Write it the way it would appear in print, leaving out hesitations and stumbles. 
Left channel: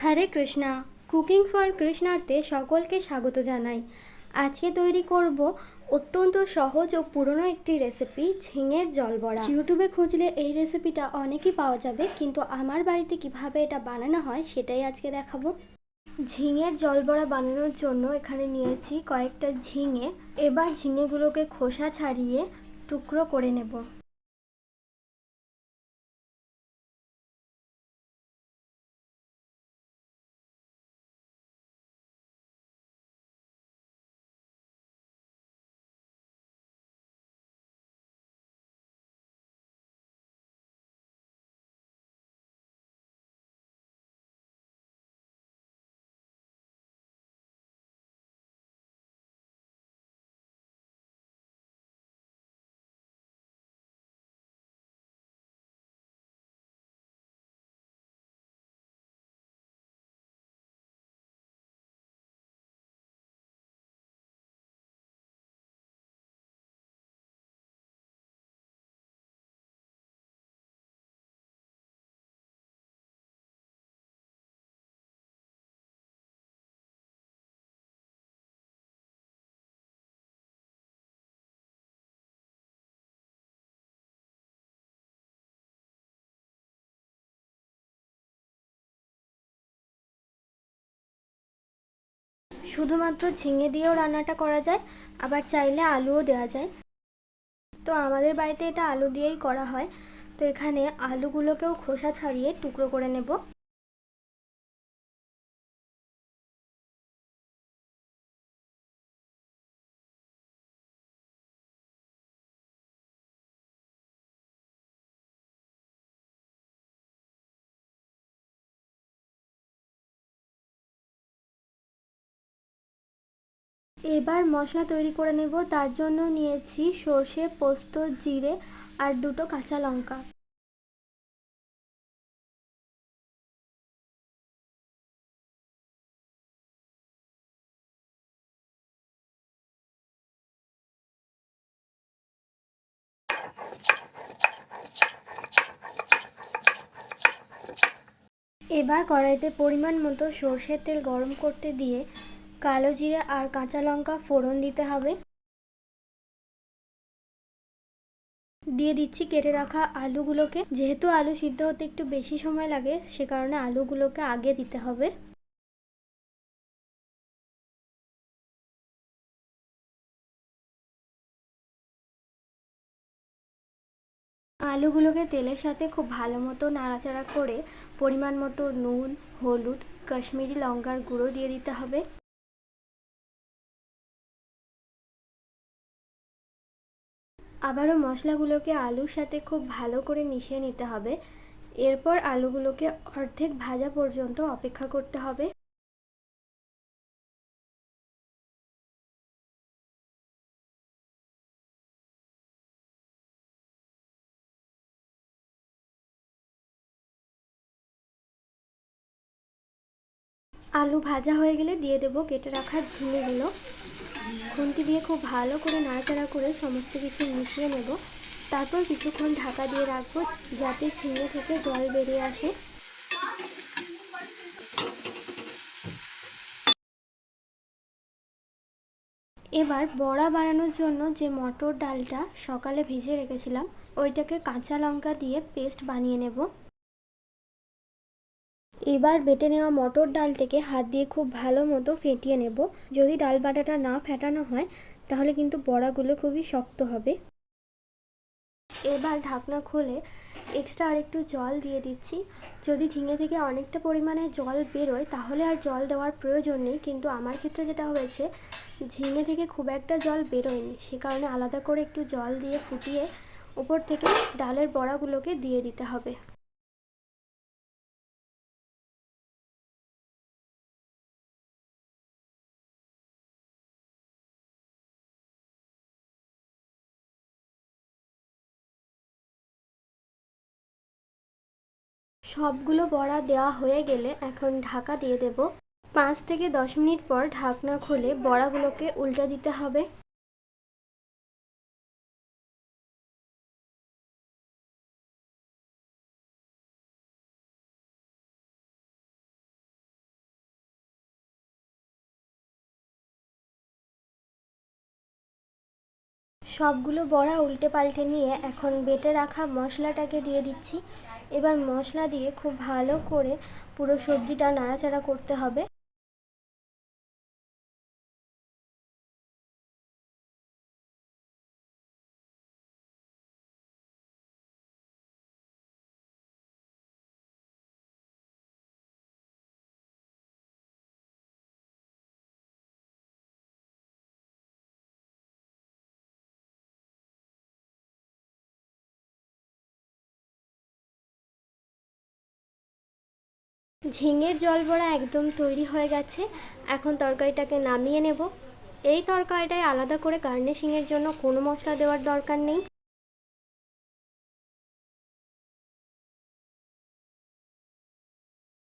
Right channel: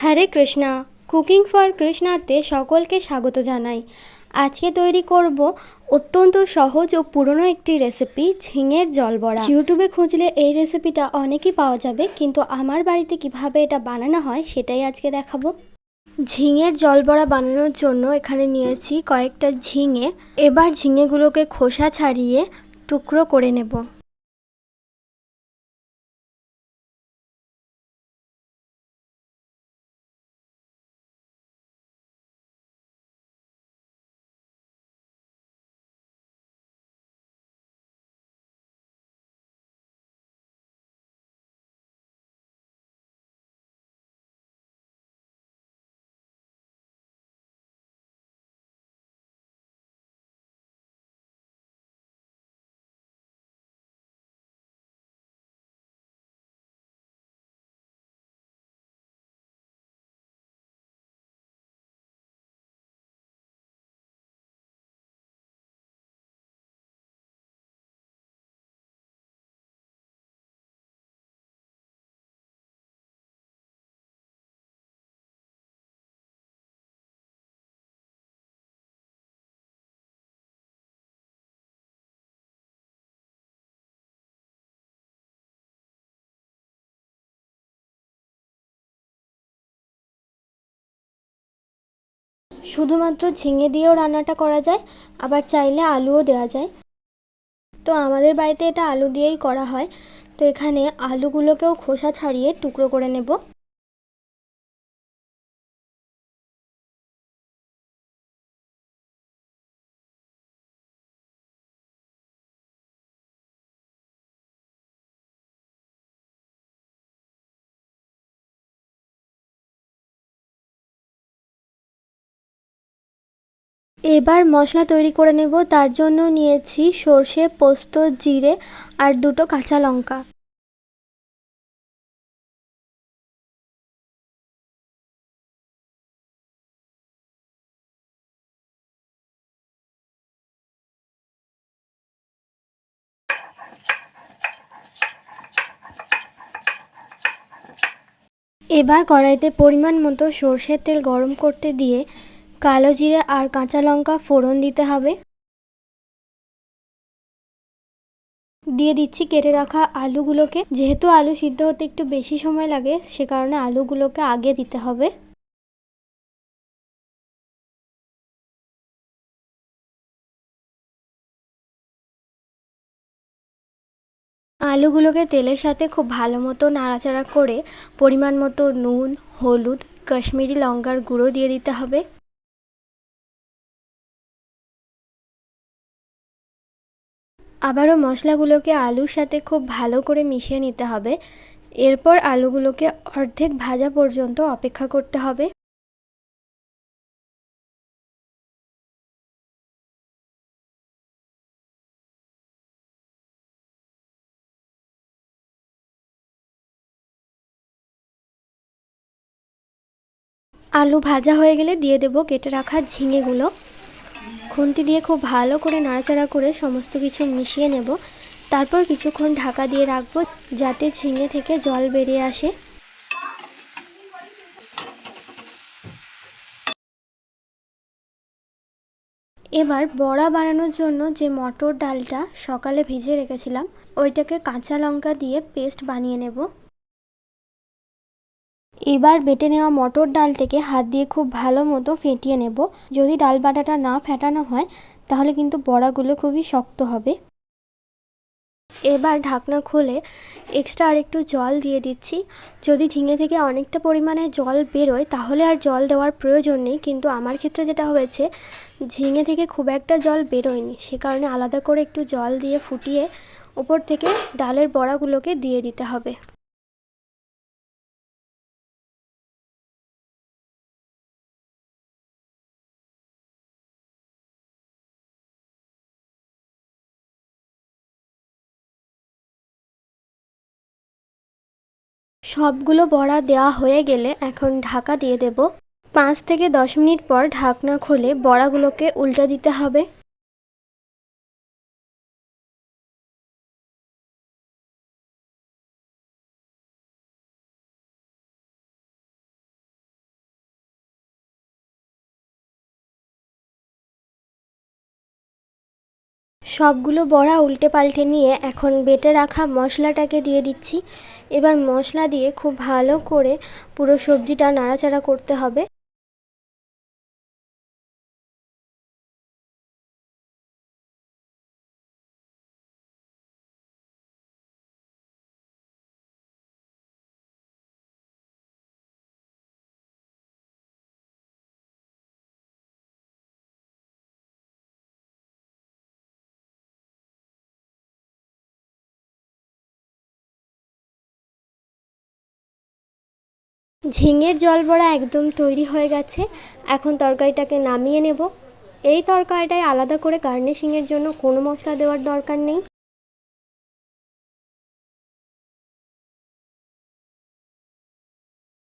Hare Krishna. Cooking for কৃষ্ণাতে সকলকে স্বাগত জানাই। আজকে তৈরি করব অত্যন্ত সহজ ও পুরনো একটি রেসিপি, ঝিঙের জলবড়া। ইউটিউবে খুঁজলে এই রেসিপিটা অনেকই পাওয়া যাবে, কিন্তু আমার বাড়িতে কিভাবে এটা বানানো হয় সেটাই আজকে দেখাবো। ঝিঙের জলবড়া বানানোর জন্য এখানে নিয়েছি কয়েকটা ঝিঙে। এবার ঝিঙেগুলোকে খোসা ছাড়িয়ে টুকরো করে নেব। শুধুমাত্র ঝিঙে দিয়েও রান্নাটা করা যায়, আবার চাইলে আলুও দেওয়া যায়। তো আমাদের বাড়িতে এটা আলু দিয়েই করা হয়। তো এখানে আলুগুলোকেও খোসা ছাড়িয়ে টুকরো করে নেব। এবার মশলা তৈরি করে নেব। তার জন্য নিয়েছি সর্ষে, পোস্ত, জিরে আর দুটো কাঁচা লঙ্কা। এবার কড়াইতে পরিমাণ মতো সর্ষের তেল গরম করতে দিয়ে কালো জিরে আর কাঁচা লঙ্কা ফোড়ন দিতে হবে। দিয়ে দিচ্ছি কেটে রাখা আলুগুলোকে। যেহেতু আলু সিদ্ধ হতে একটু বেশি সময় লাগে, সে কারণে আলুগুলোকে আগে দিতে হবে। আলুগুলোকে তেলের সাথে খুব ভালো মতো নাড়াচাড়া করে পরিমাণ মতো নুন, হলুদ, কাশ্মীরি লঙ্কার গুঁড়ো দিয়ে দিতে হবে। আবারও মশলাগুলোকে আলুর সাথে খুব ভালো করে মিশিয়ে নিতে হবে। এরপর আলুগুলোকে অর্ধেক ভাজা পর্যন্ত অপেক্ষা করতে হবে। আলু ভাজা হয়ে গেলে দিয়ে দেব কেটে রাখা ঝিঙেগুলো। খুন্তি দিয়ে খুব ভালো করে নাড়াচাড়া করে সমস্ত কিছু মিশিয়ে নেব। তারপর কিছুক্ষণ ঢাকা দিয়ে রাখবো, যাতে ঝিঙে থেকে জল বেরিয়ে আসে। এবার বড়া বানানোর জন্য যে মটর ডালটা সকালে ভিজিয়ে রেখেছিলাম, ওইটাকে কাঁচা লঙ্কা দিয়ে পেস্ট বানিয়ে নেব। এবার বেটে নেওয়া মটর ডালটাকে হাত দিয়ে খুব ভালো মতো ফেটিয়ে নেব। যদি ডাল বাটাটা না ফেটানো হয় তাহলে কিন্তু বড়াগুলো খুবই শক্ত হবে। এবার ঢাকনা খুলে এক্সট্রা আর একটু জল দিয়ে দিচ্ছি। যদি ঝিঙে থেকে অনেকটা পরিমাণে জল বেরোয় তাহলে আর জল দেওয়ার প্রয়োজন নেই, কিন্তু আমার ক্ষেত্রে যেটা হয়েছে, ঝিঙে থেকে খুব একটা জল বেরোয়নি, সে কারণে আলাদা করে একটু জল দিয়ে ফুটিয়ে উপর থেকে ডালের বড়াগুলোকে দিয়ে দিতে হবে। সবগুলো বড়া দেওয়া হয়ে গেলে এখন ঢাকা দিয়ে দেব। 5 থেকে 10 মিনিট পর ঢাকনা খুলে বড়াগুলোকে উল্টে দিতে হবে। সবগুলো বড়া উল্টে পাল্টে নিয়ে এখন বেটে রাখা মশলাটাকে দিয়ে দিচ্ছি। এবার মশলা দিয়ে খুব ভালো করে পুরো সবজিটা নাড়াচাড়া করতে হবে। ঝিঙের জল বড়া একদম তৈরি হয়ে গেছে। এখন তরকারিটাকে নামিয়ে নেব। এই তরকারিটায় আলাদা করে গার্নিশিংয়ের জন্য কোনো মশলা দেওয়ার দরকার নেই।